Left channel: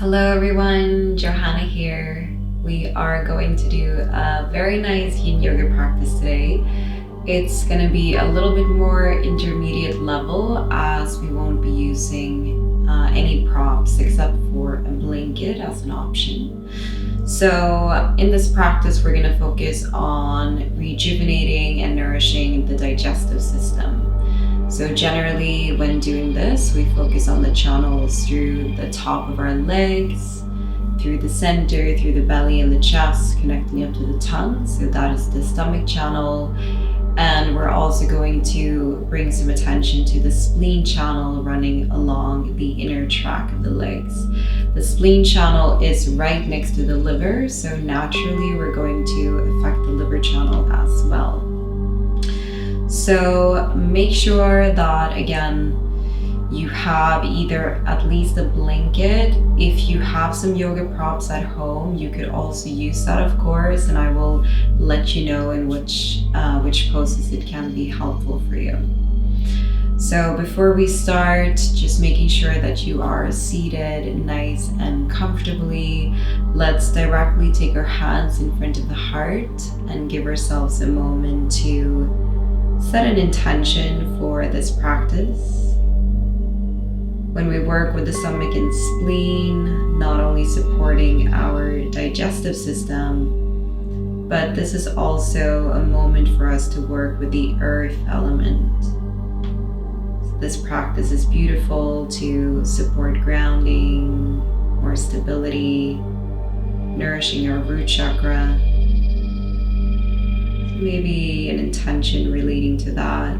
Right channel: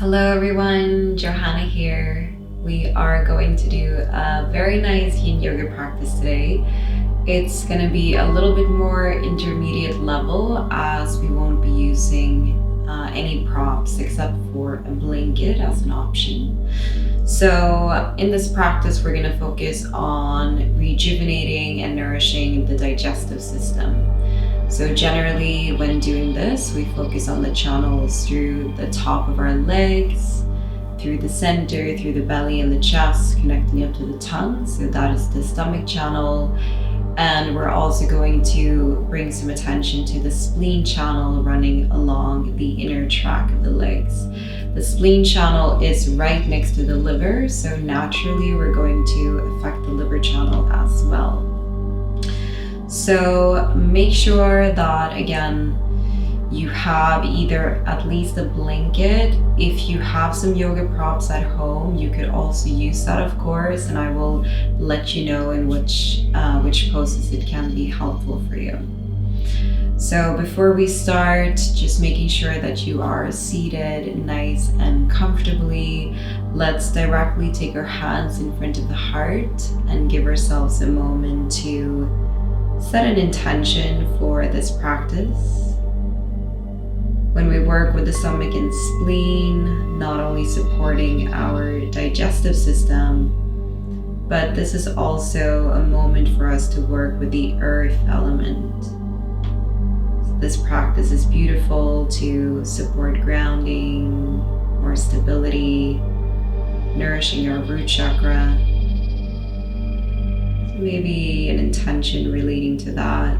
Hello everyone, Johanna here. We are going to do a very nice Yin Yoga practice today. It's going to be a little bit more intermediate level as we won't be using any props except for a blanket as an option. So in this practice, we're going to focus on rejuvenating and nourishing the digestive system. So generally when doing this, we focus on the channels through the top of our legs, through the center, through the belly and the chest, connecting up to the tongue. So that is the stomach channel. And we're also going to bring some attention to the spleen channel running along the inner track of the legs. The spleen channel is right next to the liver, so naturally we're going to affect the liver channel as well. So make sure that, again, you have either at least a blanket. If you have some yoga props at home, you could also use that, of course, and I will let you know in which poses it can be helpful for you. So before we start, just making sure that you are seated nice and comfortably. Let's directly take our hands in front of the heart and give ourselves a moment to set an intention for this practice. When we work with the stomach and spleen, not only supporting our digestive system, but this is also a moment for us to work with the earth element. This practice is beautiful to support grounding, more stability, nourishing our root chakra. Maybe an intention relating to that.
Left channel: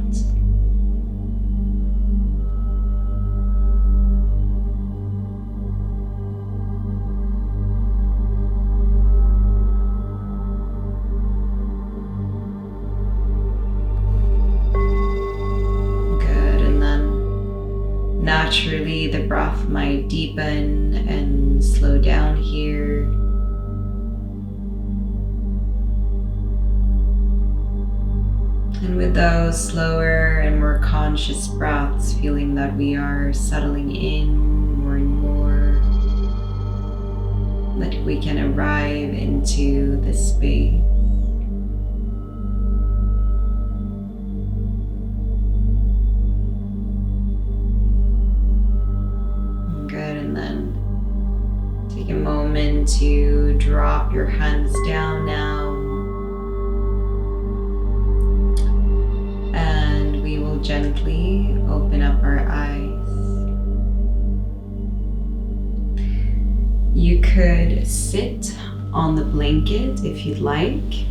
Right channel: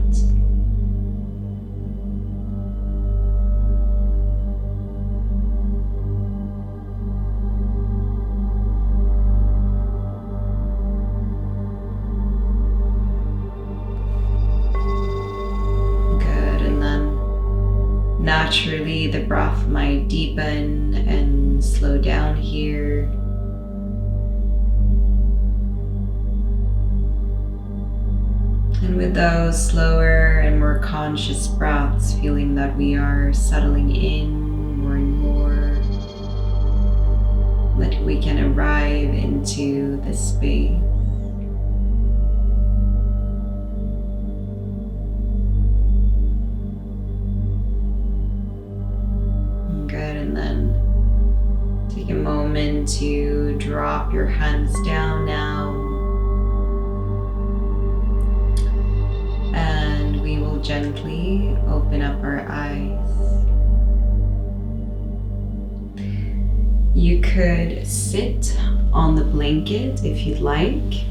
Good, and then naturally the breath might deepen and slow down here. And with those slower and more conscious breaths, feeling that we are settling in more and more, that we can arrive into this space. Good, and then take a moment to drop your hands down now. And we will gently open up our eyes. You could sit on the blanket if you'd like.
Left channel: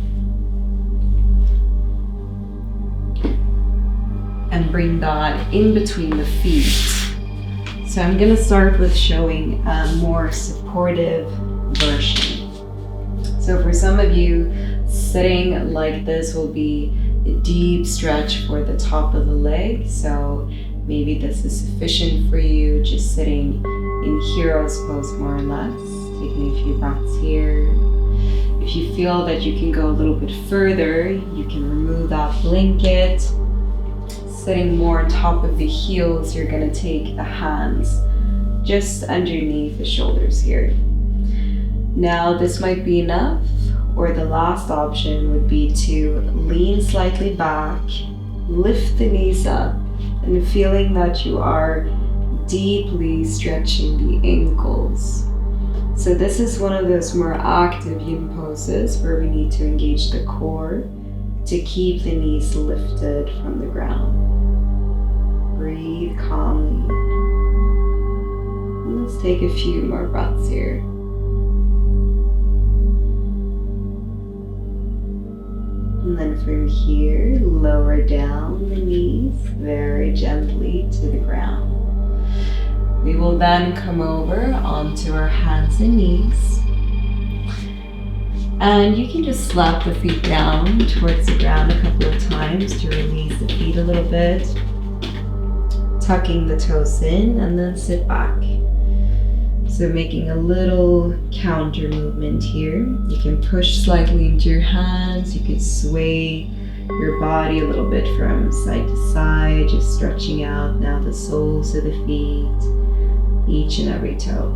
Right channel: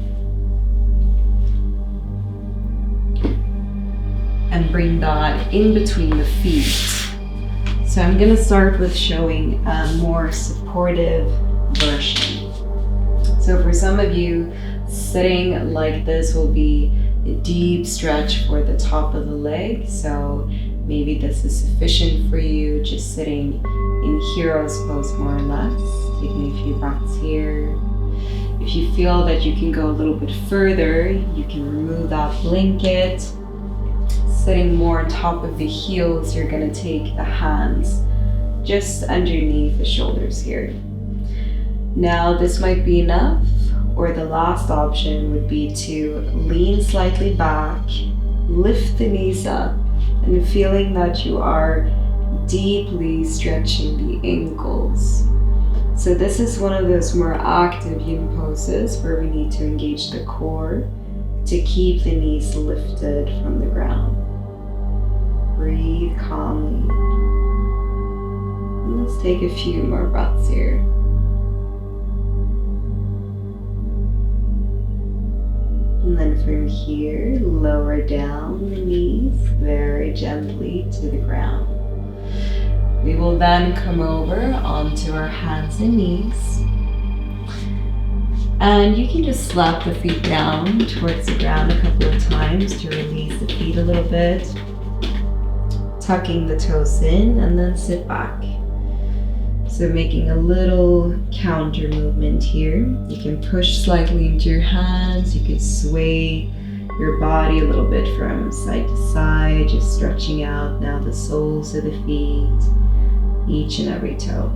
And bring that in between the feet. So I'm going to start with showing a more supportive version. So for some of you, sitting like this will be a deep stretch for the top of the leg, so maybe this is sufficient for you, just sitting in hero's pose more or less, taking a few breaths here. If you feel that you can go a little bit further, you can remove that blanket. Sitting more on top of the heels, you're going to take the hands just underneath the shoulders here. Now this might be enough, or the last option would be to lean slightly back, lift the knees up, and feeling that you are deeply stretching the ankles. So this is one of those more active yin poses where we need to engage the core to keep the knees lifted from the ground. Breathe calmly. And let's take a few more breaths here. And then from here, lower down the knees very gently to the ground. We will then come over onto our hands and knees. And you can just slap the feet down towards the ground a couple of times to release the feet a little bit. Tucking the toes in and then sit back. So making a little counter movement here. You can push slightly into your hands. You can sway your body a little bit from side to side, just stretching out now the soles of the feet, each and every toe.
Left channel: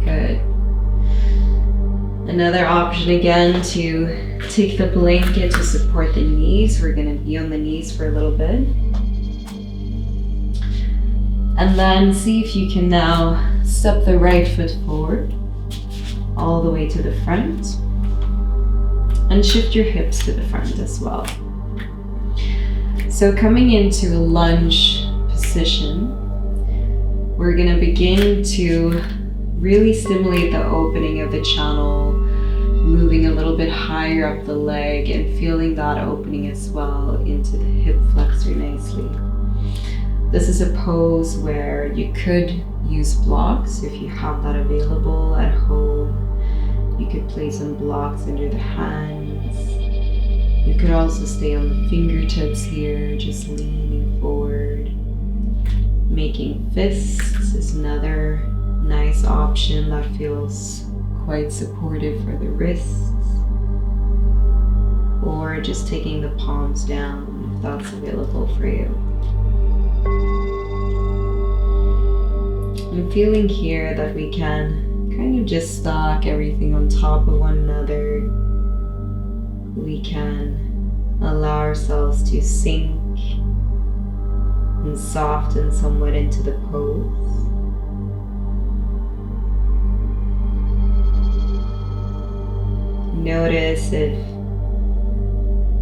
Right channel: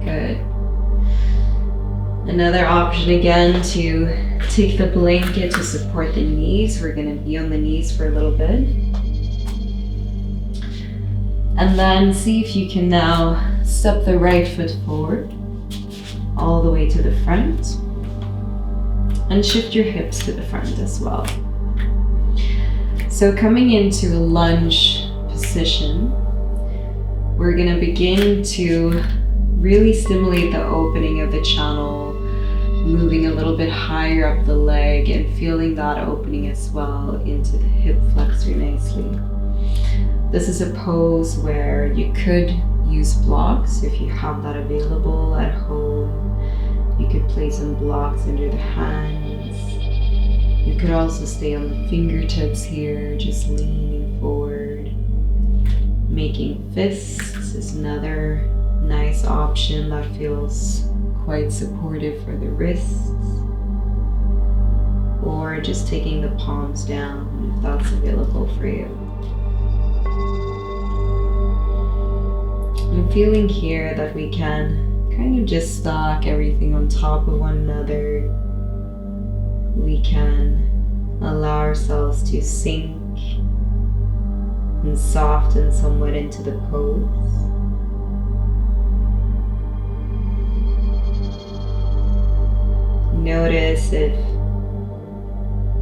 Good. Another option again to take the blanket to support the knees. We're going to be on the knees for a little bit. And then see if you can now step the right foot forward all the way to the front. And shift your hips to the front as well. So coming into a lunge position, we're going to begin to really stimulate the opening of the channel, moving a little bit higher up the leg and feeling that opening as well into the hip flexor nicely. This is a pose where you could use blocks if you have that available at home. You could place some blocks under the hands. You could also stay on the fingertips here, just leaning forward. Making fists is another nice option that feels quite supportive for the wrists. Or just taking the palms down if that's available for you. I'm feeling here that we can kind of just stack everything on top of one another. We can allow ourselves to sink and soften somewhat into the pose. Notice if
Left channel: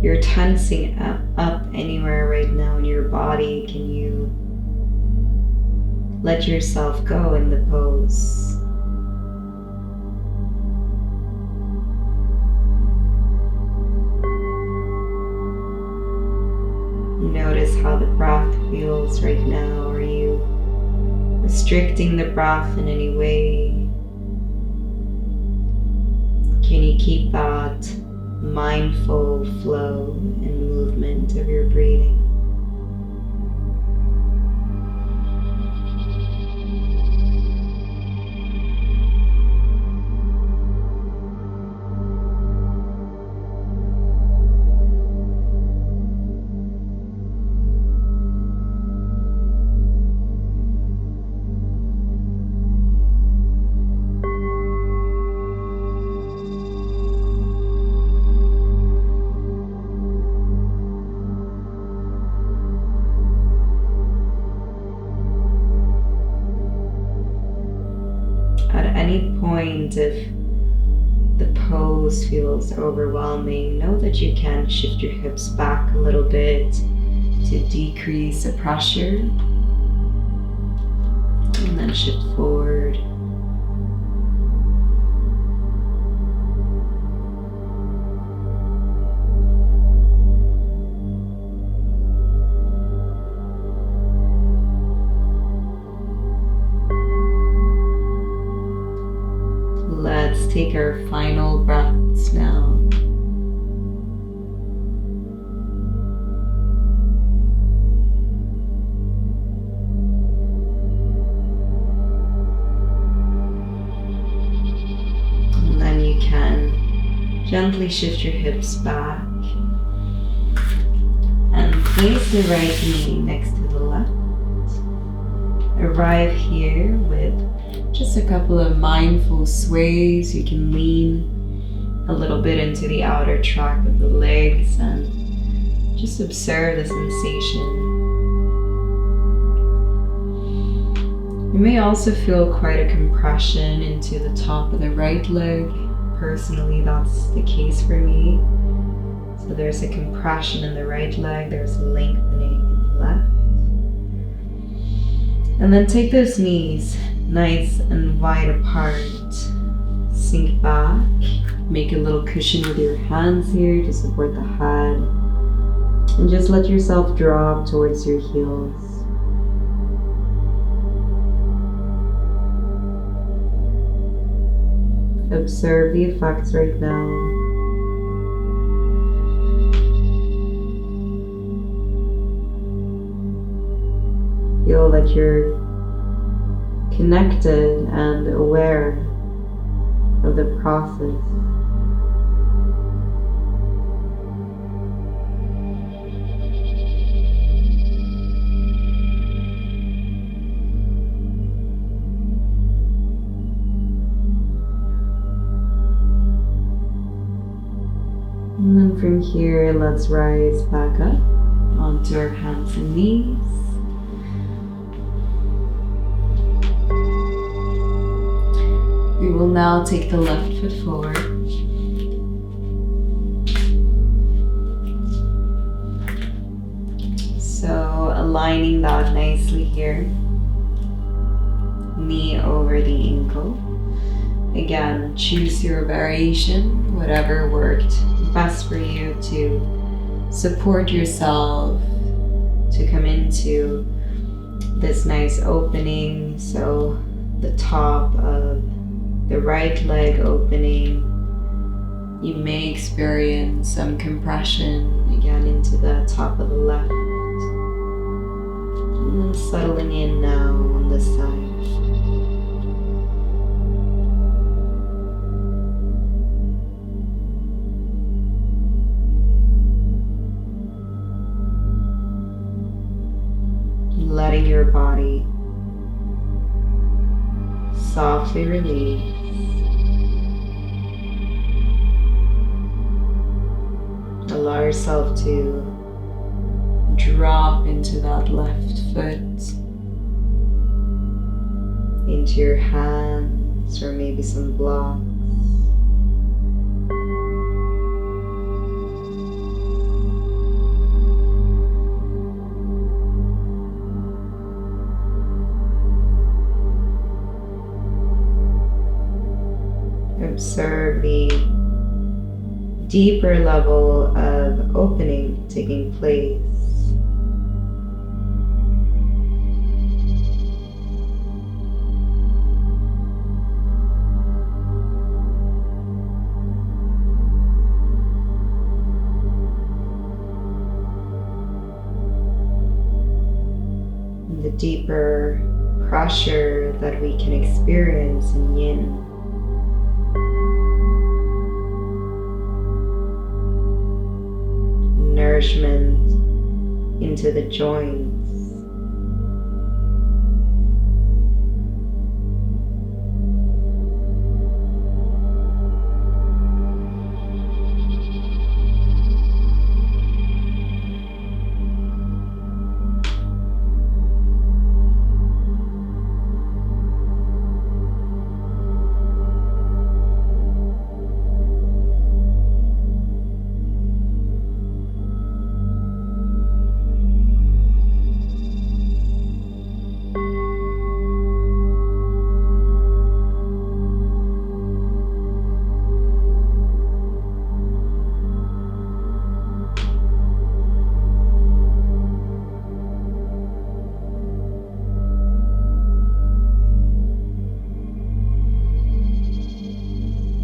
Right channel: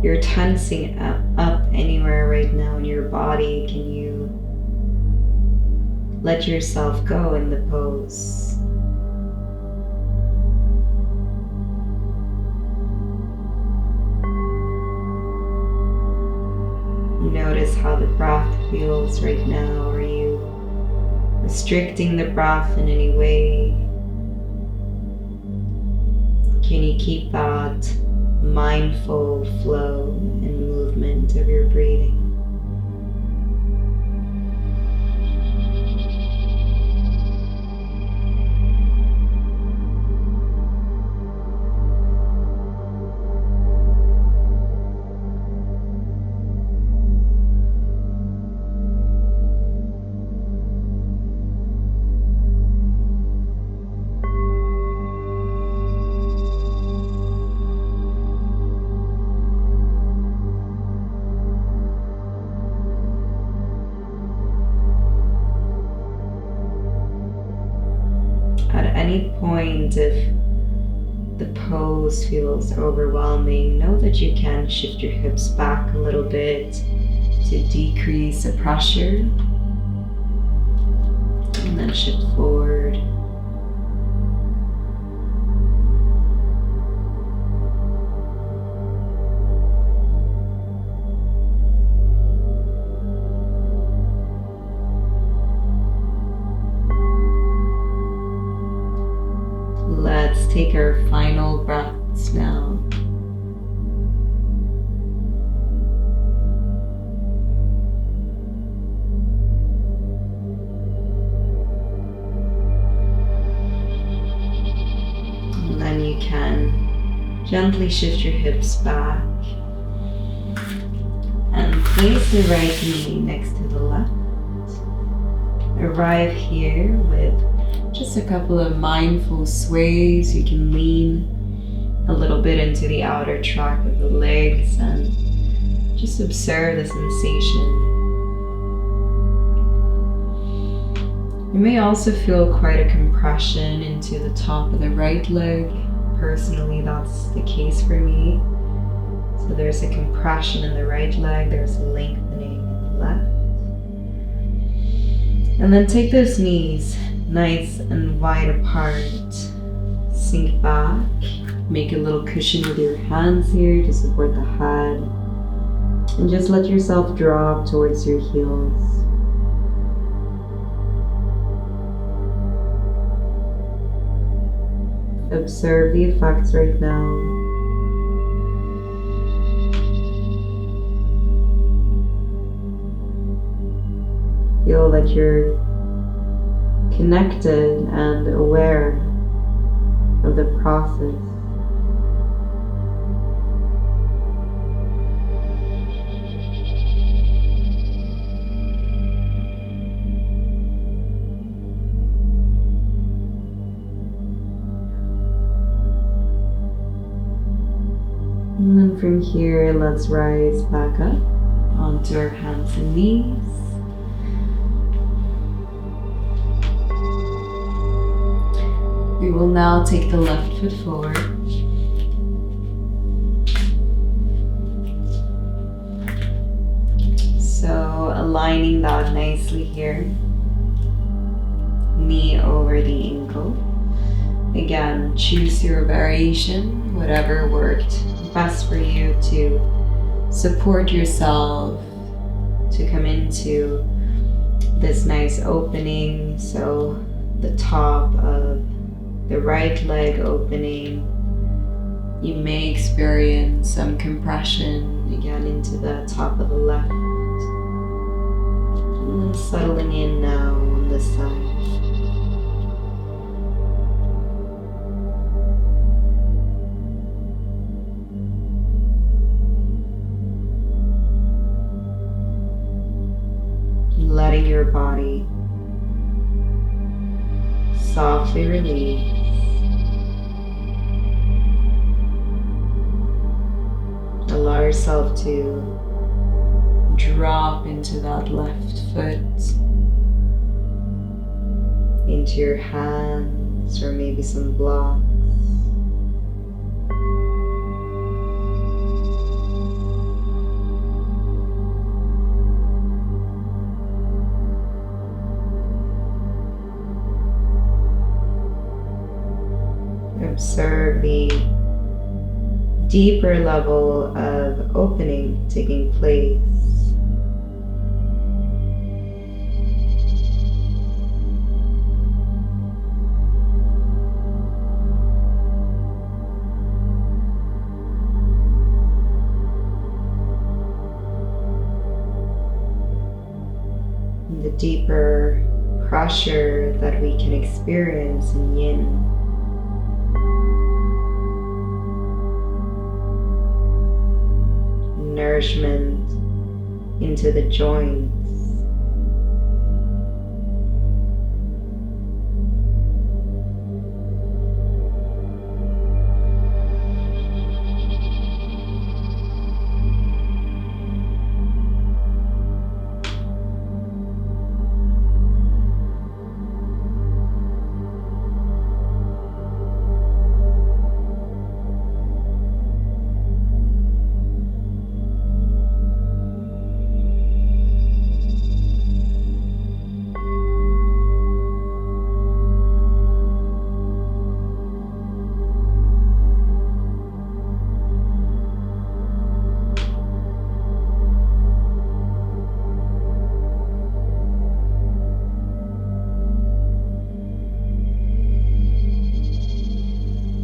you're tensing up anywhere right now in your body. Can you let yourself go in the pose? Notice how the breath feels right now. Are you restricting the breath in any way? Can you keep that mindful flow and movement of your breathing? At any point, if the pose feels overwhelming, know that you can shift your hips back a little bit to decrease the pressure. And then shift forward. Let's take our final breaths now. And then you can gently shift your hips back and place the right knee next to the left. Arrive here with just a couple of mindful sways. You can lean a little bit into the outer track of the legs and just observe the sensation. You may also feel quite a compression into the top of the right leg. Personally, that's the case for me. So there's a compression in the right leg, there's a lengthening in the left. And then take those knees nice and wide apart. Sink back. Make a little cushion with your hands here to support the head. And just let yourself drop towards your heels. Observe the effects right now. Feel that you're connected and aware of the process. And from here, let's rise back up onto our hands and knees. We will now take the left foot forward. So aligning that nicely here. Knee over the ankle. Again, choose your variation, whatever worked best for you to support yourself to come into this nice opening. So the top of the right leg opening, you may experience some compression again into the top of the left. And then settling in now on this side. Letting your body softly release. Allow yourself to drop into that left foot, into your hands or maybe some blocks. Observe the deeper level of opening taking place. And the deeper pressure that we can experience in Yin. Nourishment into the joints.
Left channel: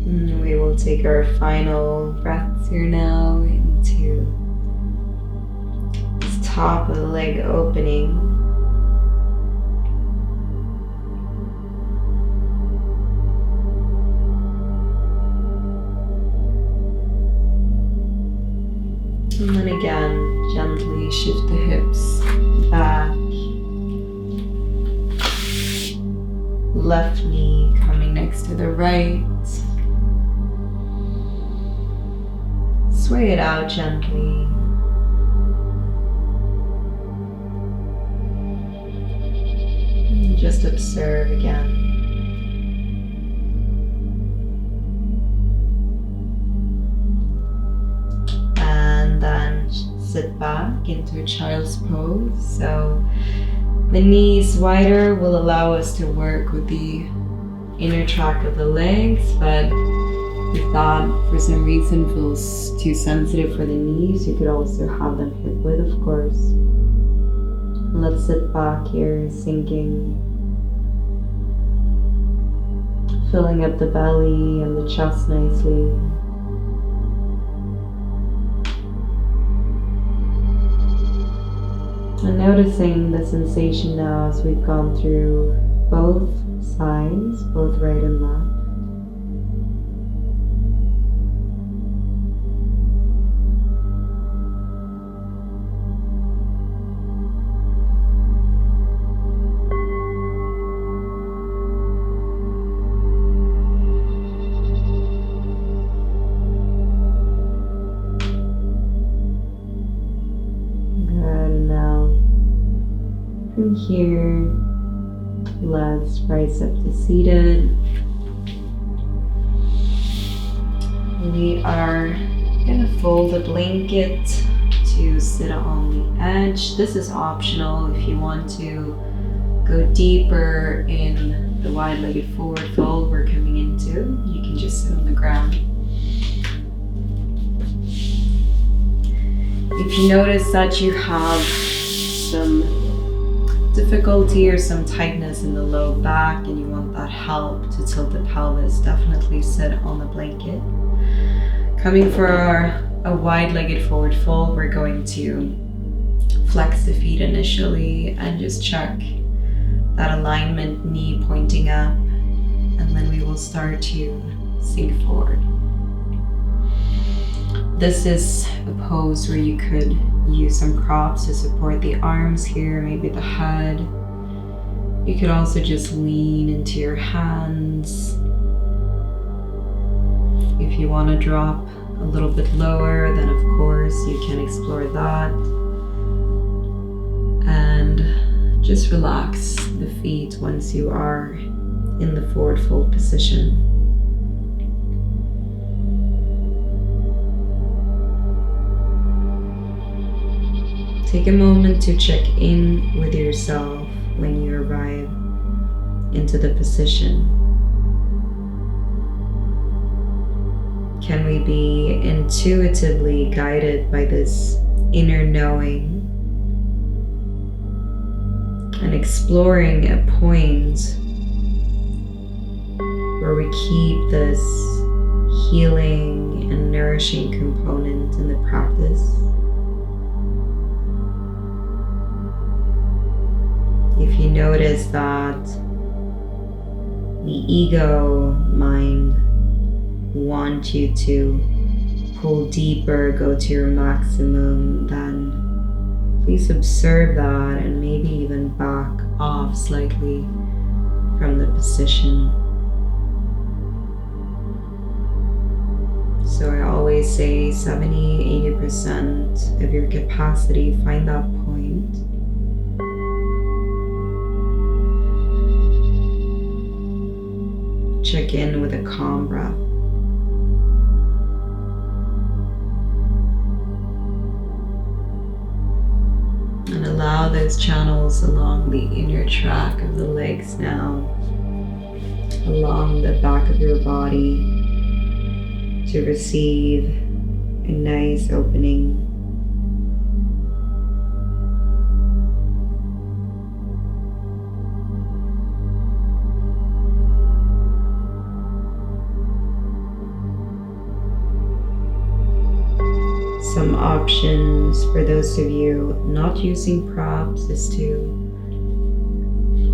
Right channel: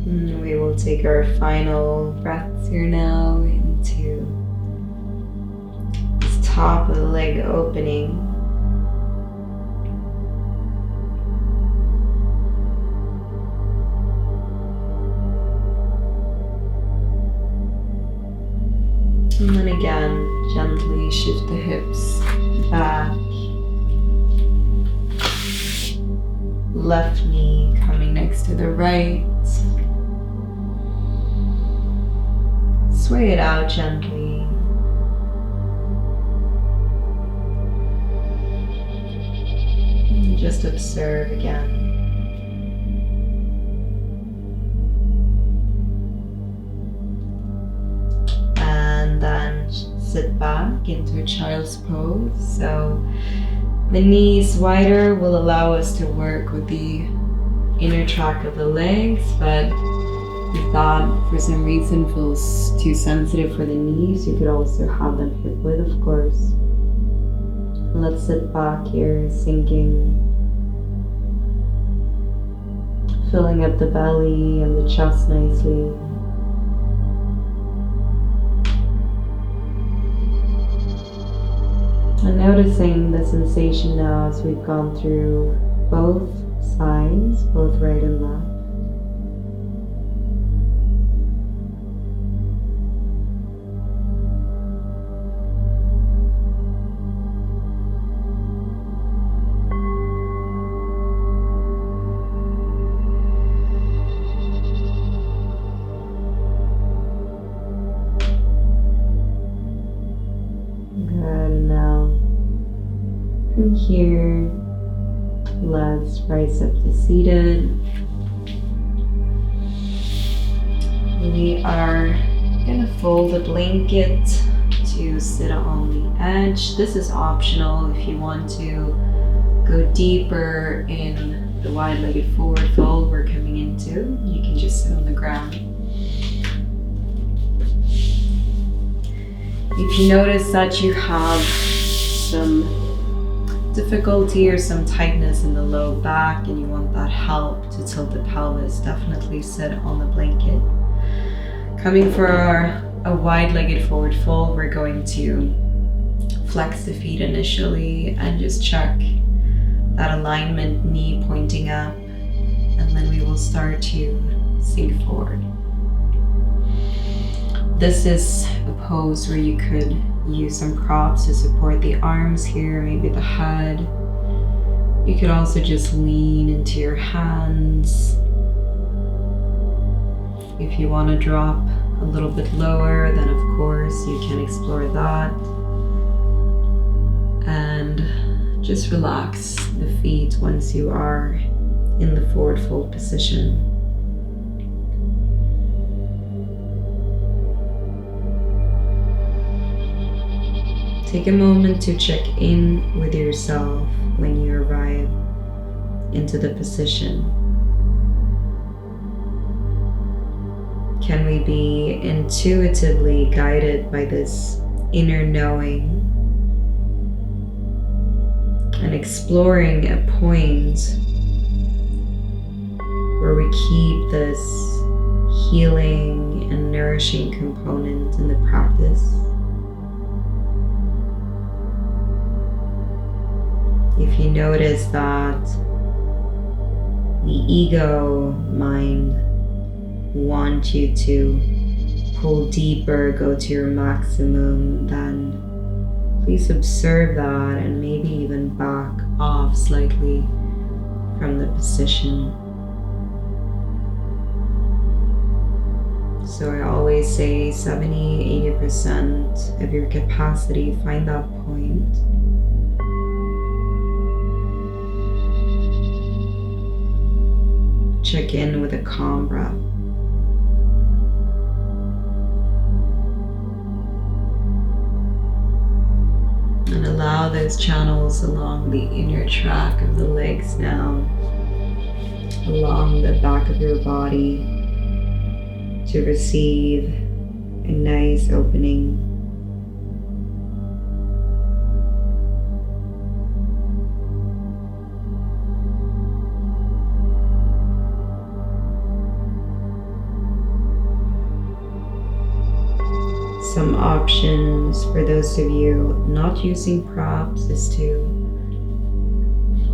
We will take our final breaths here now into this top of the leg opening. And then again, gently shift the hips back. Left knee coming next to the right. Sway it out gently. And just observe again. And then sit back into a child's pose. So the knees wider will allow us to work with the inner track of the legs, but if that for some reason feels too sensitive for the knees, you could also have them hip width, of course. Let's sit back here, sinking, filling up the belly and the chest nicely. And noticing the sensation now as we've gone through both sides, both right and left. From here, let's rise up to seated. We are gonna fold the blanket to sit on the edge. This is optional if you want to go deeper in the wide-legged forward fold we're coming into. You can just sit on the ground. If you notice that you have some difficulty or some tightness in the low back and you want that help to tilt the pelvis, definitely sit on the blanket. Coming for a wide-legged forward fold, we're going to flex the feet initially and just check that alignment, knee pointing up, and then we will start to sink forward. This is a pose where you could use some props to support the arms here, maybe the head. You could also just lean into your hands. If you want to drop a little bit lower, then of course you can explore that. And just relax the feet once you are in the forward fold position. Take a moment to check in with yourself when you arrive into the position. Can we be intuitively guided by this inner knowing and exploring a point where we keep this healing and nourishing component in the practice? If you notice that the ego mind want you to pull deeper, go to your maximum, then please observe that and maybe even back off slightly from the position. So I always say 70-80% of your capacity, find that point. Check in with a calm breath. And allow those channels along the inner track of the legs now, along the back of your body, to receive a nice opening. Some options for those of you not using props is to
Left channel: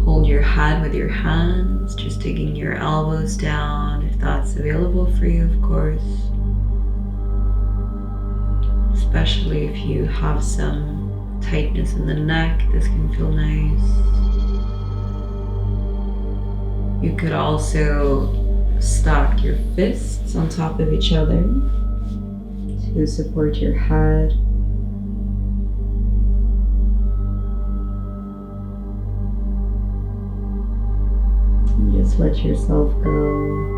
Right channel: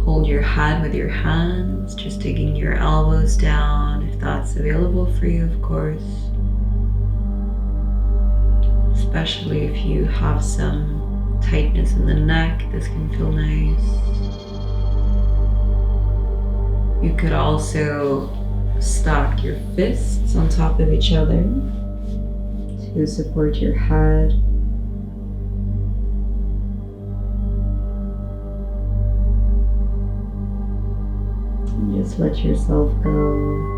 hold your head with your hands, just digging your elbows down if that's available for you, of course. Especially if you have some tightness in the neck, this can feel nice. You could also stack your fists on top of each other to support your head. And just let yourself go.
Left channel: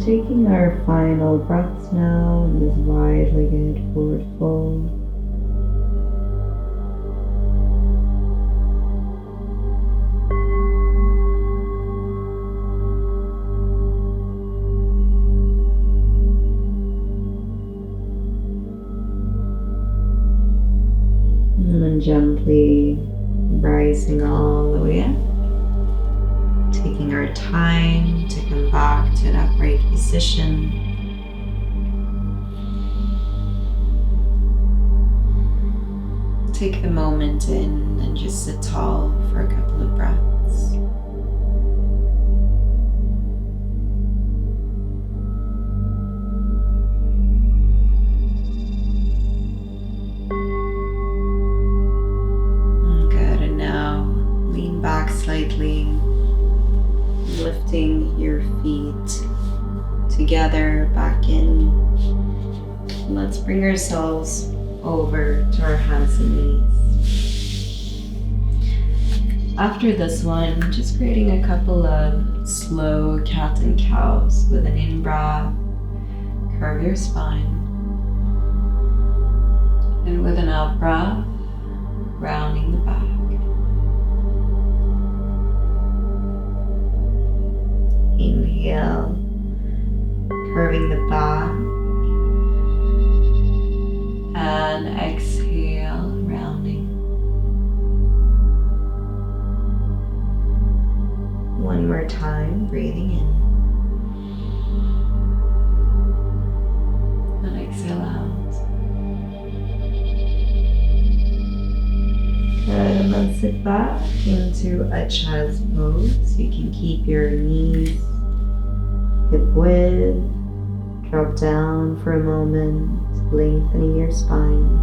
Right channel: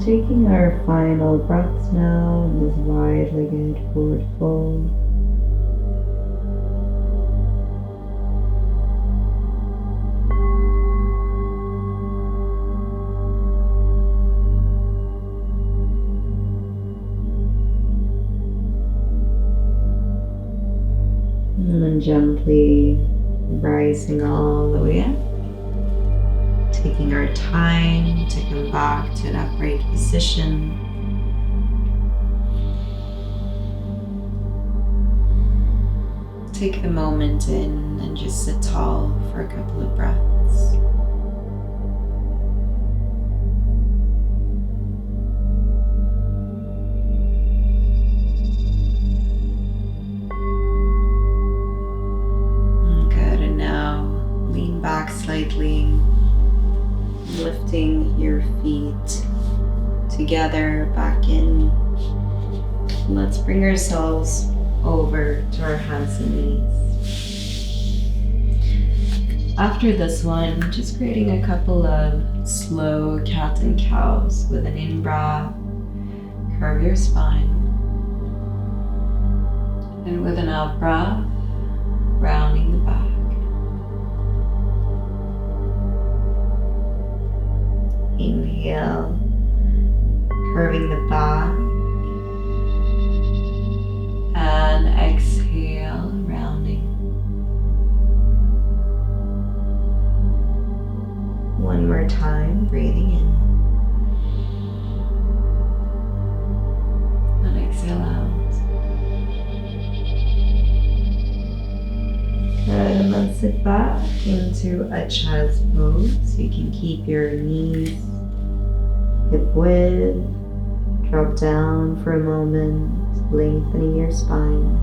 Taking our final breaths now in this wide-legged forward fold. And then gently rising all the way up. Taking our time to come back to an upright position. Take the moment in and just sit tall for a couple of breaths. Good, and now lean back slightly. Lifting your feet together back in. Let's bring ourselves over to our hands and knees. After this one, just creating a couple of slow cat and cows with an in-breath. Curve your spine. And with an out-breath, rounding the back. Inhale, curving the back, and exhale, rounding. One more time, breathing in, and exhale out. Good, and then sit back into a child's pose. You can keep your knees hip width, drop down for a moment, lengthening your spine.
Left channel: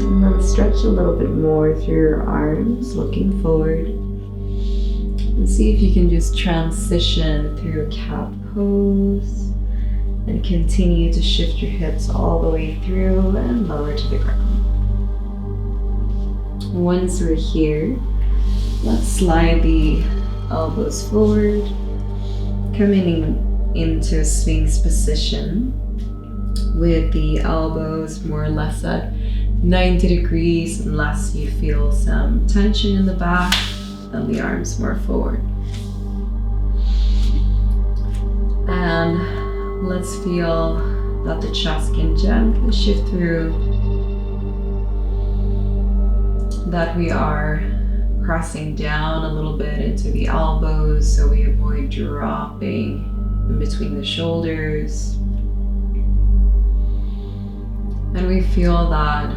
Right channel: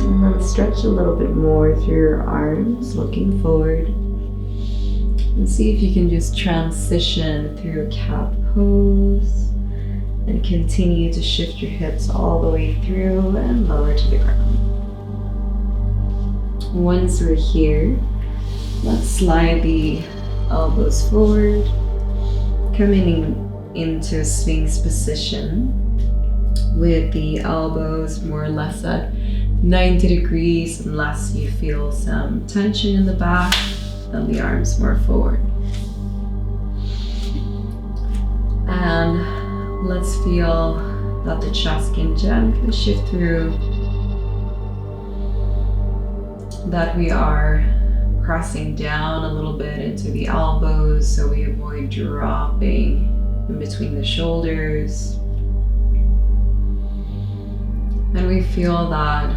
And then stretch a little bit more through your arms, looking forward. And see if you can just transition through a cat pose and continue to shift your hips all the way through and lower to the ground. Once we're here, let's slide the elbows forward, coming into a sphinx position with the elbows more or less at 90 degrees unless you feel some tension in the back, and the arms more forward. And let's feel that the chest can gently shift through, that we are pressing down a little bit into the elbows so we avoid dropping in between the shoulders. And we feel that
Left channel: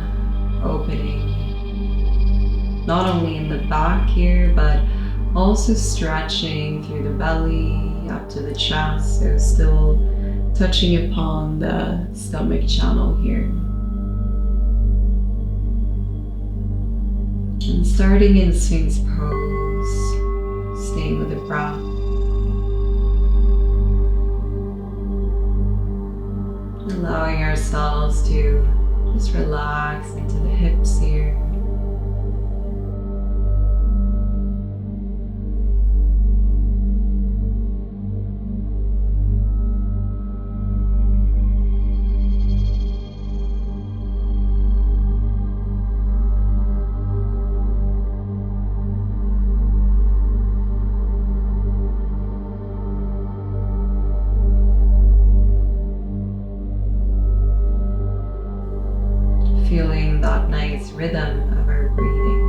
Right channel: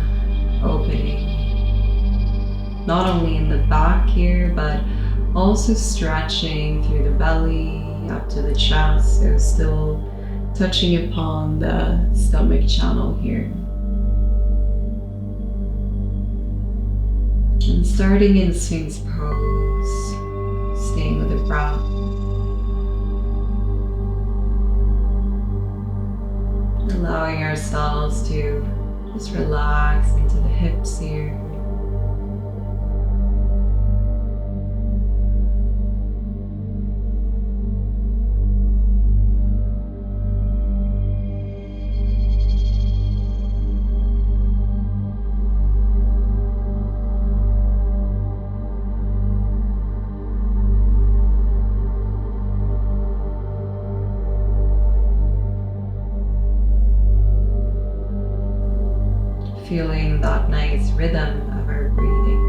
opening not only in the back here, but also stretching through the belly up to the chest, so still touching upon the stomach channel here. And starting in Sphinx pose, staying with the breath. Allowing ourselves to just relax into the hips here. Feeling that nice rhythm of our breathing.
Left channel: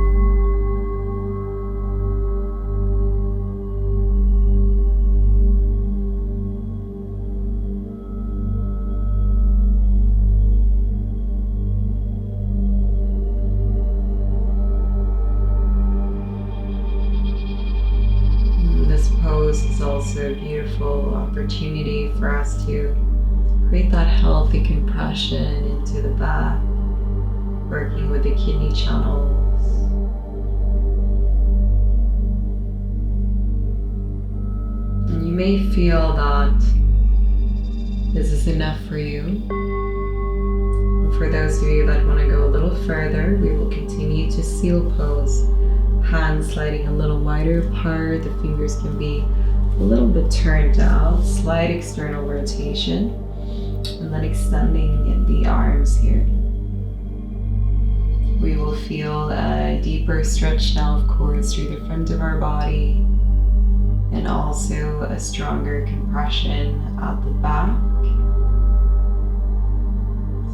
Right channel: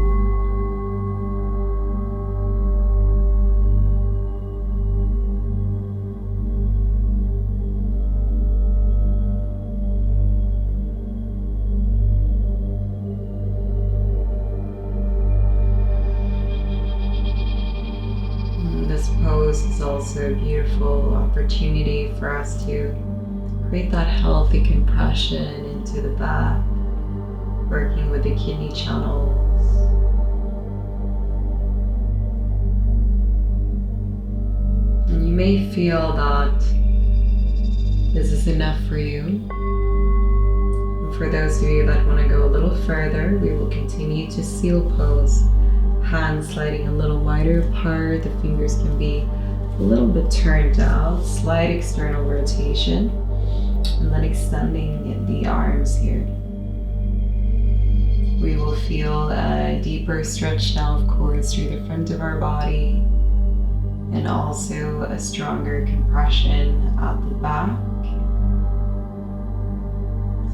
This pose is also a beautiful opportunity for us to create that healthy compression into the back, working with the kidney channels. And you may feel that this is enough for you. And for those of you that want to go a little further, we will continue to seal pose Hands sliding a little wider apart. The fingers can be a little bit turned out. Slight external rotation. And then extending the arms here. We will feel a deeper stretch now, of course, through the front of our body. And also a stronger compression at the back.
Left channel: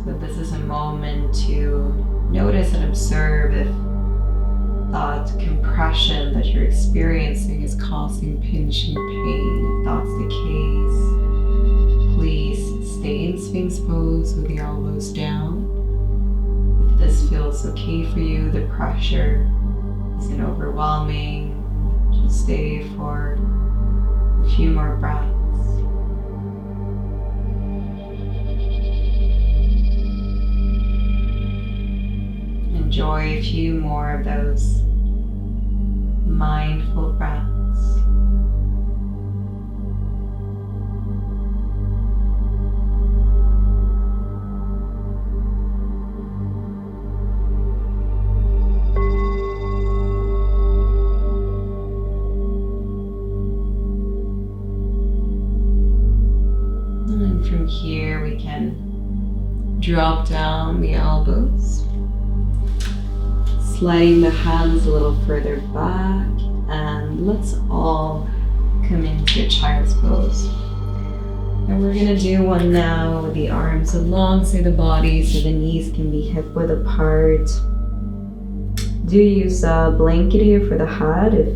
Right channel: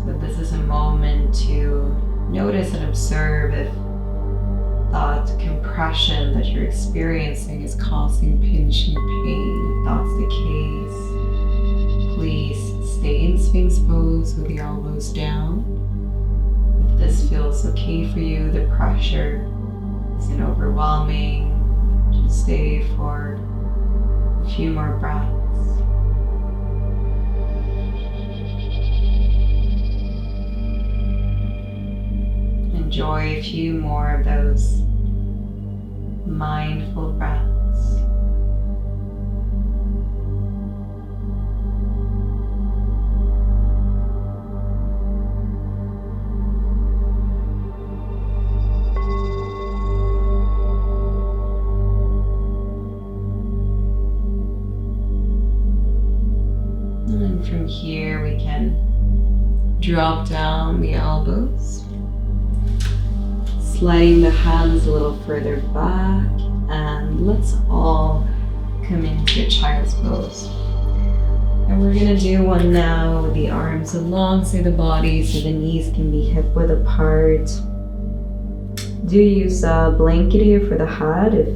So this is a moment to notice and observe if that compression that you're experiencing is causing pinching pain. If that's the case, please stay in Sphinx pose with the elbows down. If this feels okay for you, the pressure isn't overwhelming, just stay for a few more breaths. Enjoy a few more of those mindful breaths. And then from here we can drop down the elbows, sliding the hands a little further back, and let's all come into child's pose. And we're gonna do one now with the arms alongside the body so the knees can be hip width apart. Do use a blanket here for the head if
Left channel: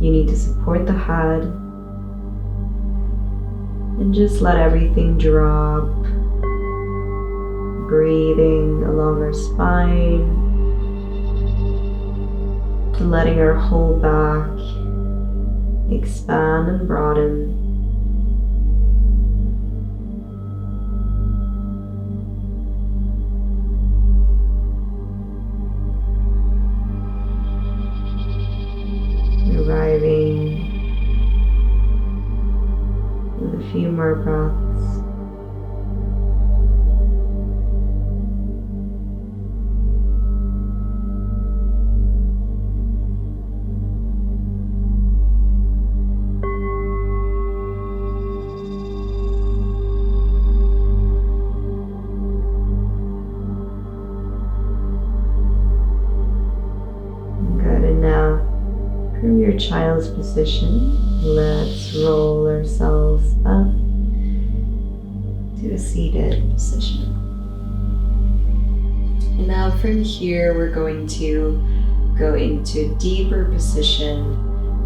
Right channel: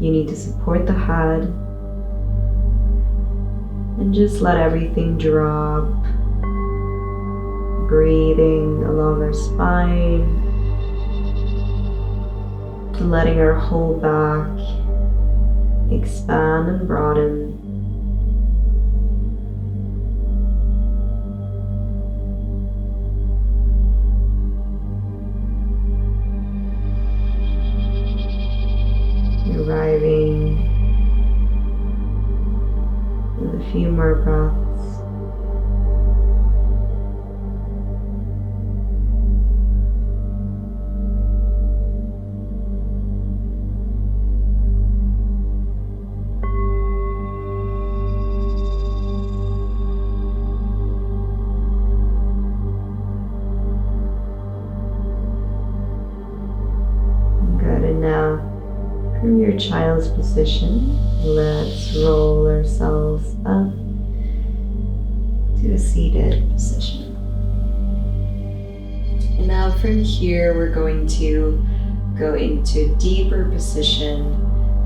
you need to support the head. And just let everything drop, breathing along our spine. Letting our whole back expand and broaden. Arriving with a few more breaths. Now, from your child's position, let's roll ourselves up to a seated position. And now from here, we're going to go into deeper position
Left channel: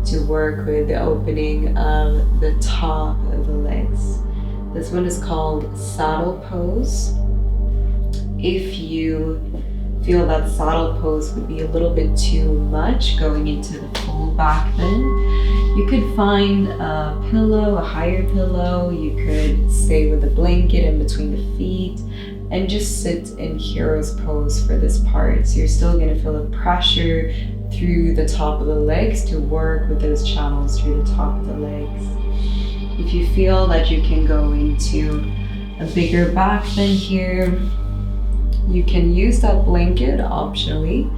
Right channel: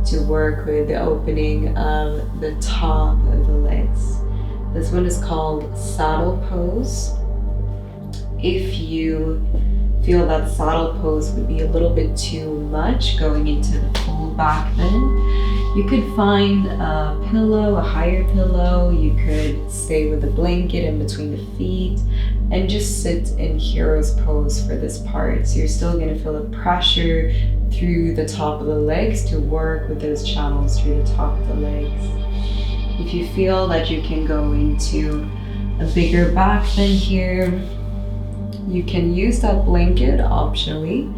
to work with the opening of the top of the legs. This one is called saddle pose. If you feel that saddle pose would be a little bit too much going into the full back bend, you could find a pillow, a higher pillow. You could stay with a blanket in between the feet and just sit in hero's pose for this part. So you're still going to feel a pressure through the top of the legs to work with those channels through the top of the legs. If you feel that you can go into a bigger back bend here, you can use that blanket optionally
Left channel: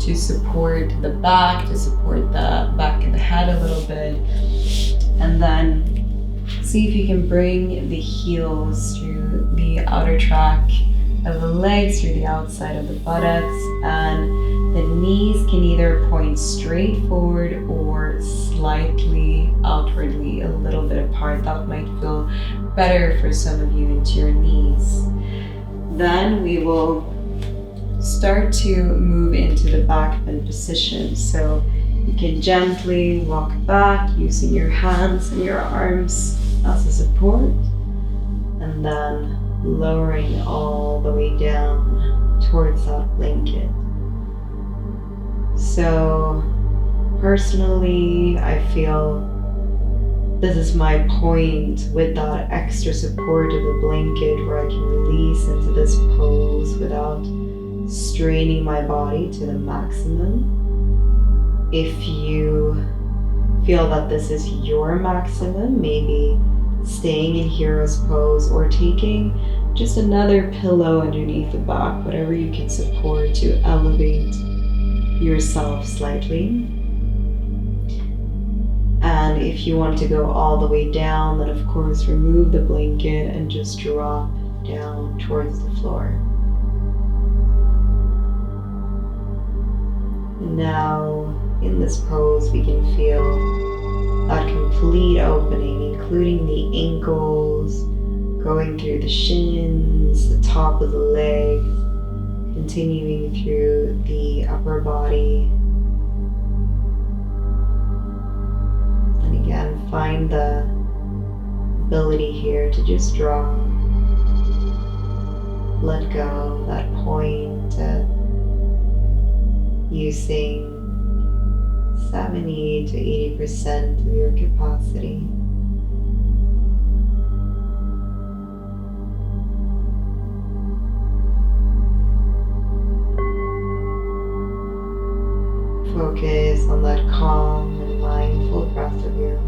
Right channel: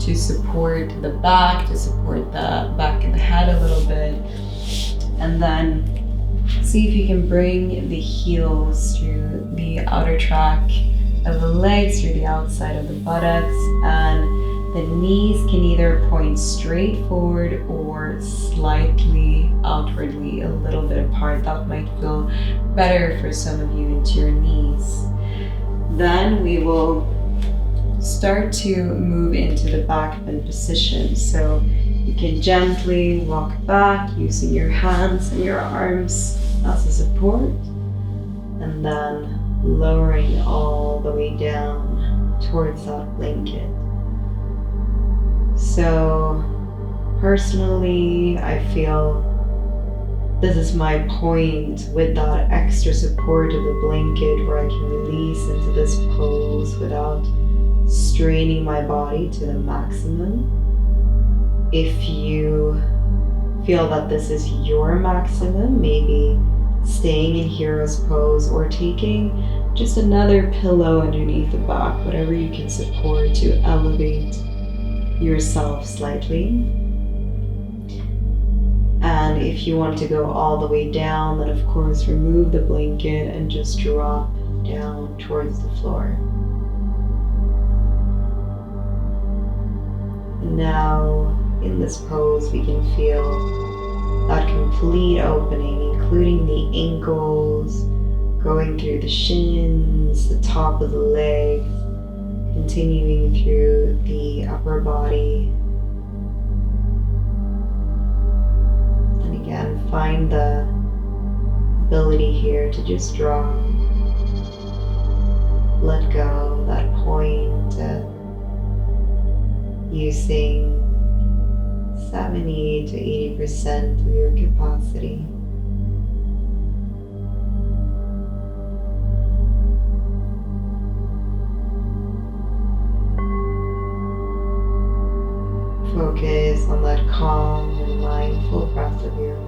to support the back, to support the back of the head a little bit. And then see if you can bring the heels through the outer track of the legs, through the outside of the buttocks, and the knees can either point straight forward or slightly outwardly, a little bit apart. That might feel better for some of you into your knees. Then we will start to move into the back bend position. So you can gently walk back using your hands and your arms as a support, and then lowering all the way down towards that blanket. So personally, I feel this is my point with that extra support of the blanket, where I can release into this pose without straining my body to the maximum. If you feel that this is your maximum, maybe staying in hero's pose or taking just another pillow underneath the back, whatever you can support to elevate yourself slightly. And if you want to go all the way down, then of course remove the blanket and just drop down towards the floor. And now in this pose we can feel that complete opening, including the ankles, going through the shins, the top of the legs, continuing through the upper body. And again, find the ability here to just draw, let go, that point of using 70 to 80% of your capacity. Focus on that calm and mindful breath of yours.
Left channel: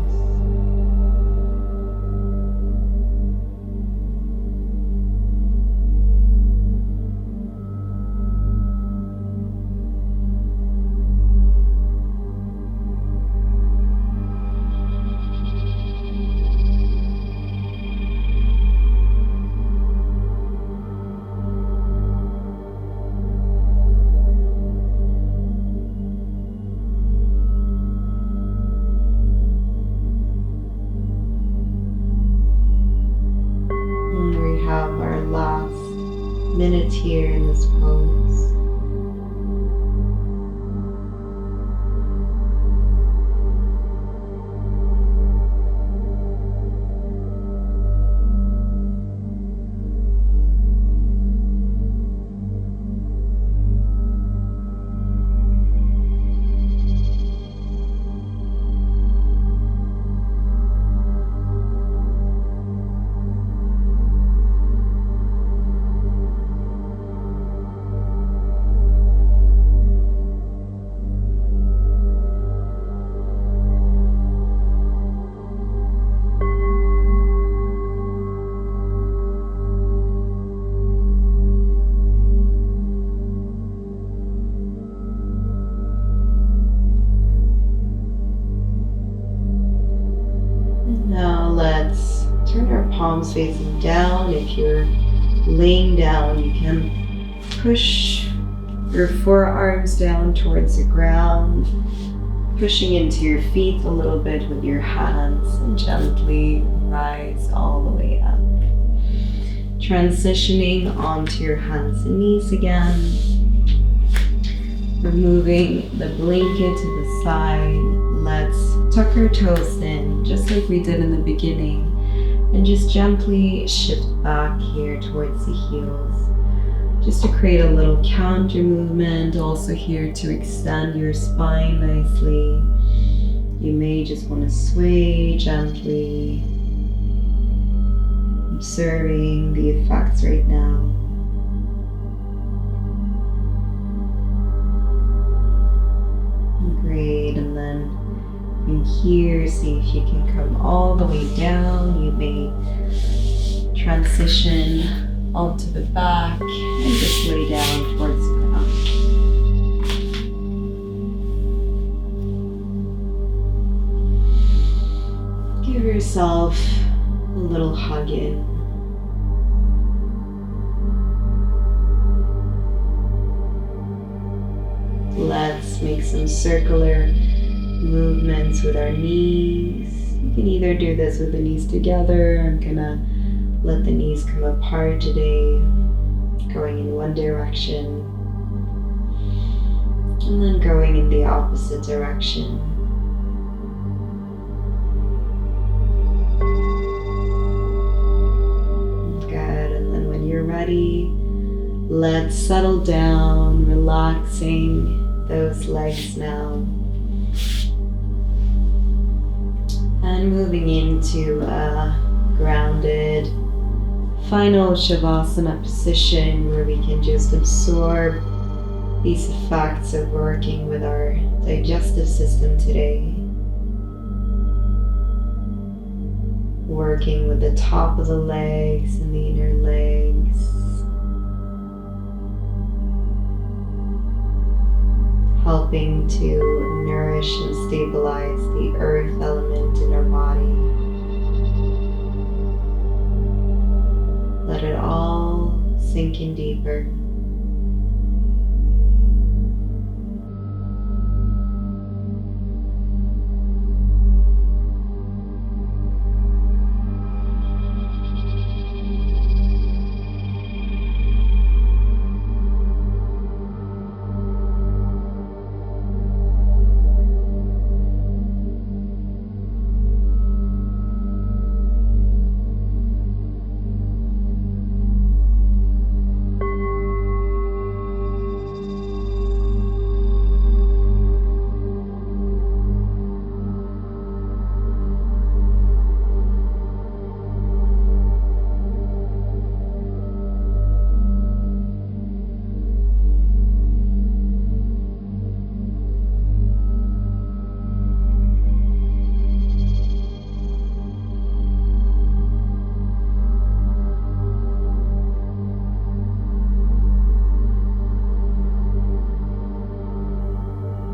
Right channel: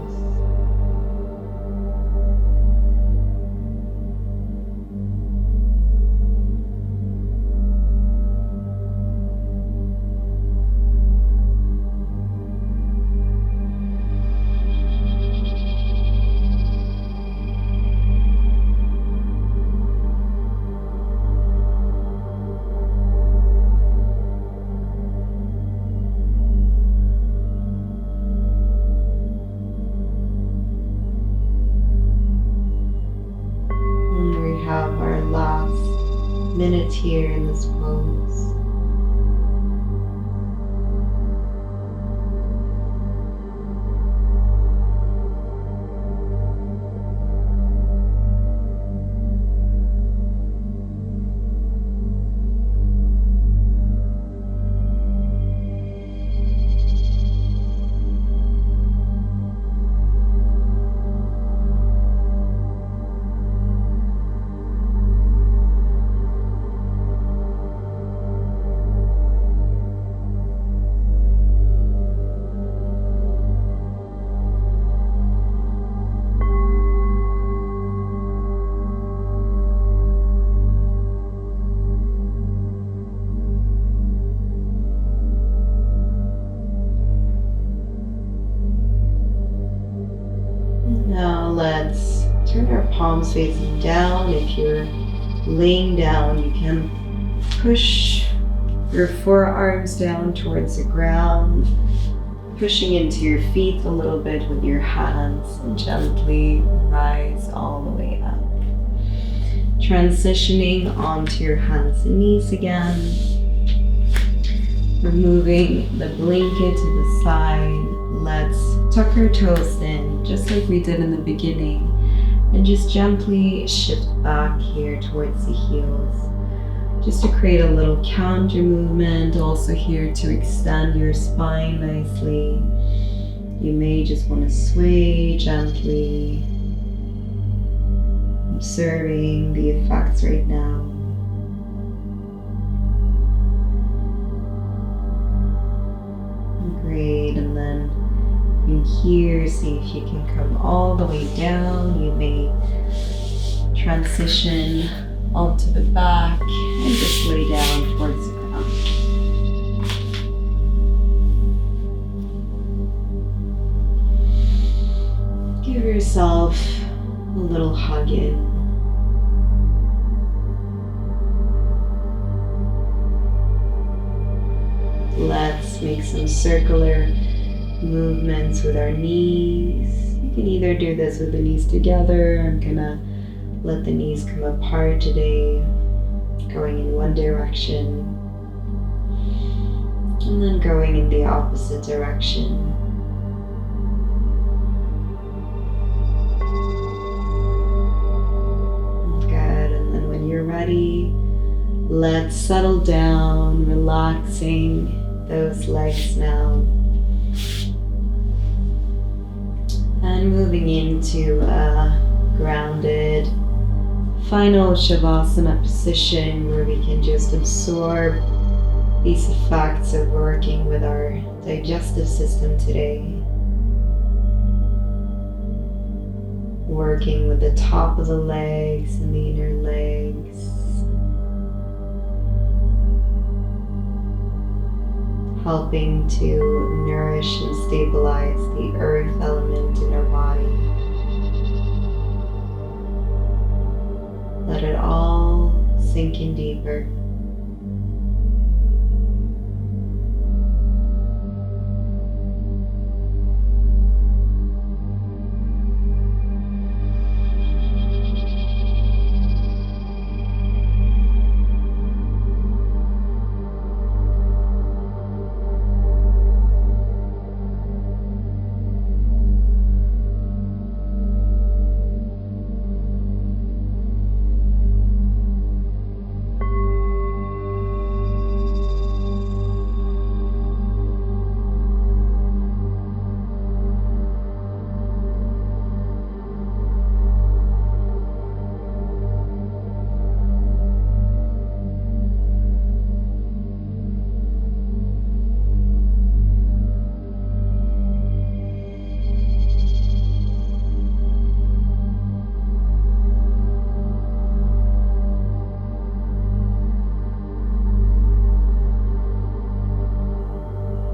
We have our last minute here in this pose. Now let's turn our palms facing down. If you're laying down, you can push your forearms down towards the ground, pushing into your feet a little bit with your hands, and gently rise all the way up. Transitioning onto your hands and knees again, removing the blanket to the side. Let's tuck our toes in, just like we did in the beginning, and just gently shift back here towards the heels, just to create a little counter movement. Also here to extend your spine nicely. You may just want to sway gently, observing the effects right now. Great, and then from here, see if you can come all the way down. You may transition onto the back and just lay down towards the ground. Give yourself a little hug in. Let's make some circular movements with our knees. You can either do this with the knees together. I'm gonna let the knees come apart today, going in one direction, and then going in the opposite direction. Good, and then when you're ready, let's settle down, relaxing those legs now. And moving into a grounded final Shavasana position where we can just absorb these effects of working with our digestive system today. Working with the top of the legs and the inner legs. helping to nourish and stabilize the earth element in our body. Let it all sink in deeper.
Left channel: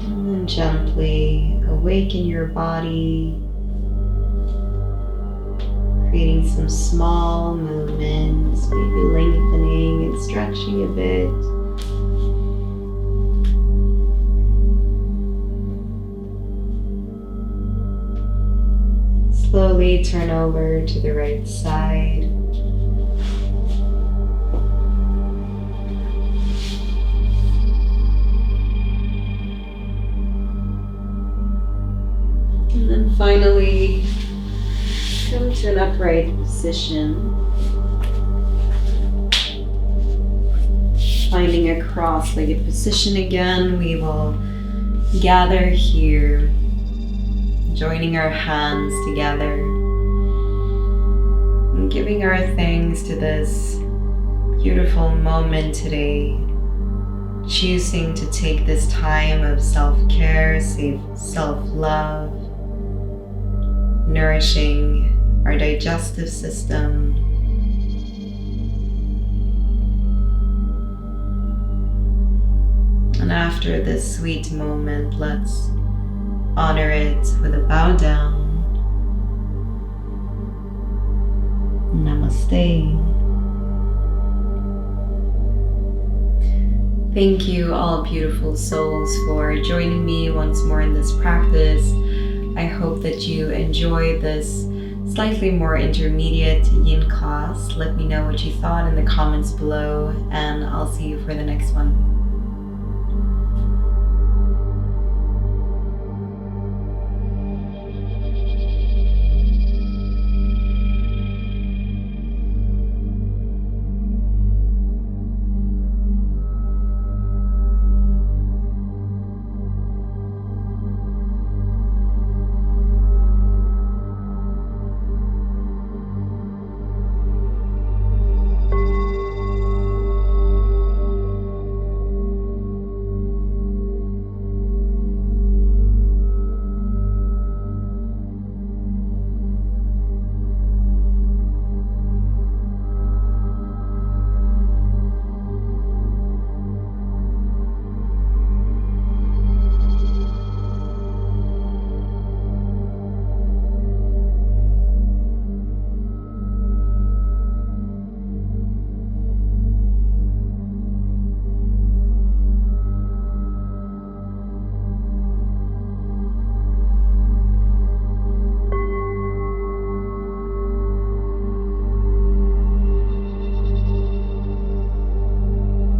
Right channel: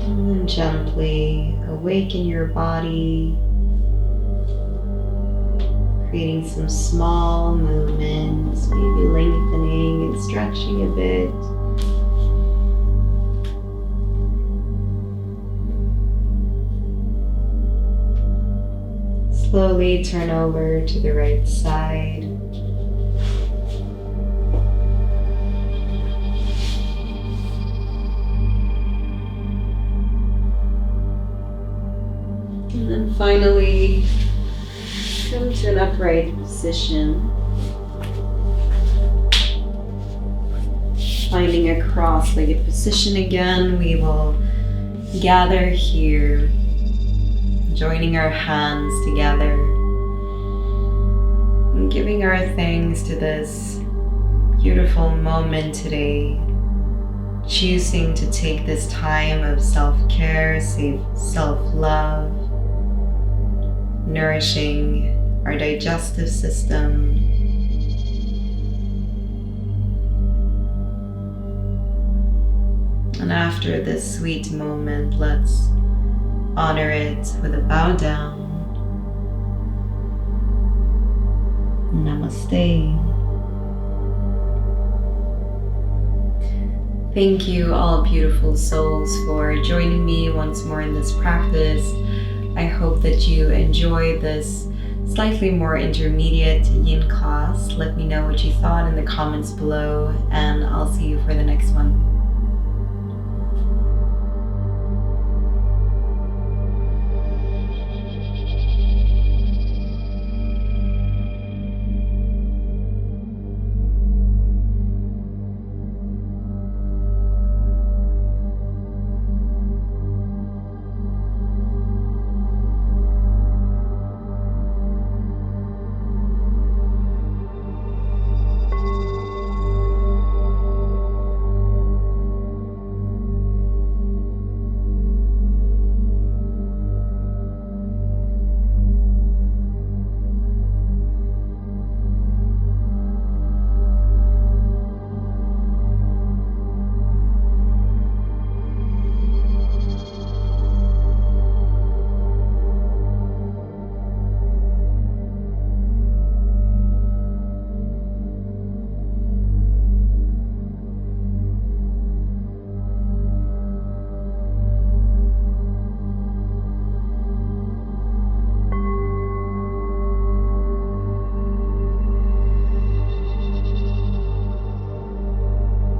And then gently awaken your body, creating some small movements, maybe lengthening and stretching a bit. Slowly turn over to the right side. And then finally, come to an upright position. Finding a cross-legged position again, we will gather here, joining our hands together and giving our thanks to this beautiful moment today. Choosing to take this time of self-care, self-love, nourishing our digestive system. And after this sweet moment, let's honor it with a bow down. Namaste. Thank you, all beautiful souls, for joining me once more in this practice. I hope that you enjoyed this slightly more intermediate yin class. Let me know what you thought in the comments below, and I'll see you for the next one.